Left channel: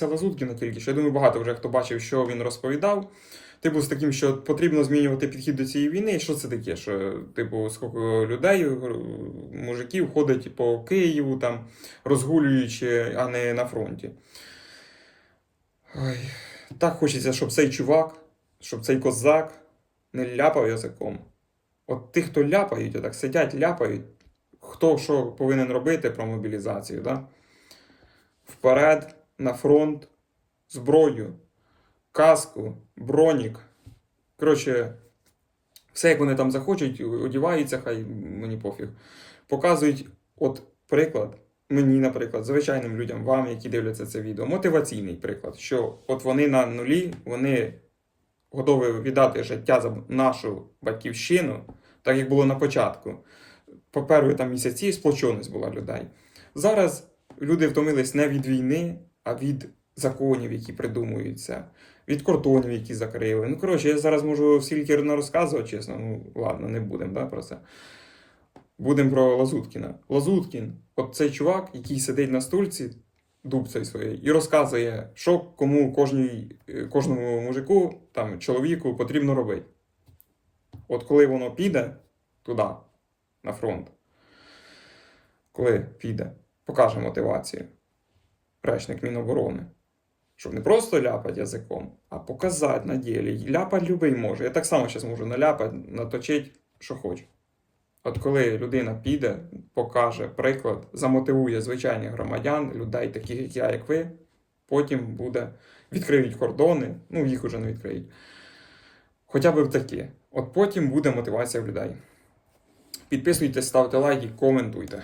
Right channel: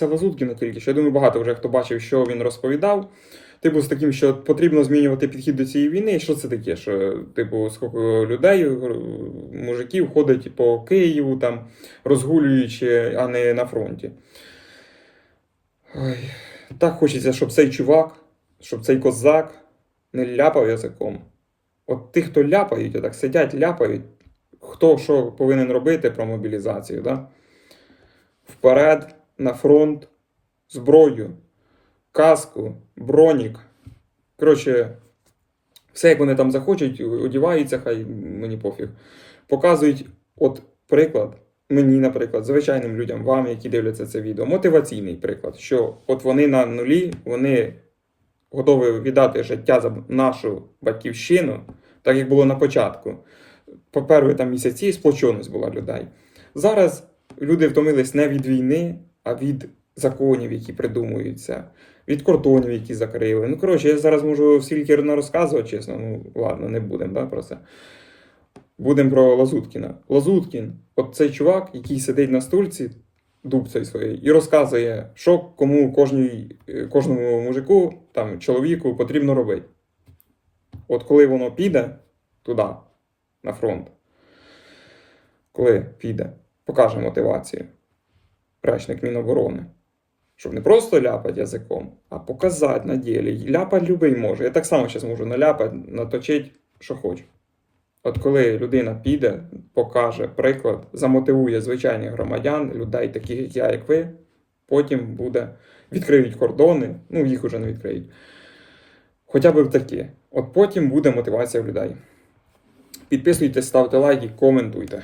Це Лазуткіна тільки. Я думаю, багато вже хто бачив, що він розповідав. Типу, з таким, що потрібно змінювати підхід до цієї війни. Що це таке? Що, типу, скільки людей, мужиків ходить по Києву, там, розгулюючи, а не на фронті. Ой, так хочеться, щоб цей чувак, щоб цей козак не ляпав язиком. От ті, хто ляпають, отак сидять, ляпають, хто що повинен робити про мобілізацію, да? вперед, на фронт, зброю, каску, бронік. Коротше, все, як вони там захочуть, одіваються, хай мені пофіг. Показують, от приклад, мені, наприклад, звичайним людям, вам, які дивляться це відео, мотиваційний приклад, що от вони на нулі, вони готові віддати життя за нашу батьківщину, так як було на початку. По перші там місяці сплоченість була людей. Зараз люди втомились не від війни, а від законів, які придумуються, від кордонів, які закрили. Ну, коротше, я зараз можу стільки розказувати, чесно. Ну, ладно, не будемо да, про це. Будемо про Лазуткіна. Лазуткін, от цей чувак, який сидить на стульці, дубцею своєю, і розказує, що кому кожній, кожному мужику, там, чоловіку потрібно робити. От коли воно піде туди, на фронт, коли піде, покаже мотивацію. Речник Міноборони. Щоб не просто ляпати язиком, а показати на ділі. Ляпати любий може. Я так само зараз можу наляпати, наточити, що хочу. От коли людина піде, покаже приклад, замотивує звичайних громадян, людей, таких як я, як ви, потім буде відкриють кордони, ну їх уже не відкриють. Хоча б такі. От потім буде мотивація в людей. Підписуйтесь, ставте лайки, коментуйте.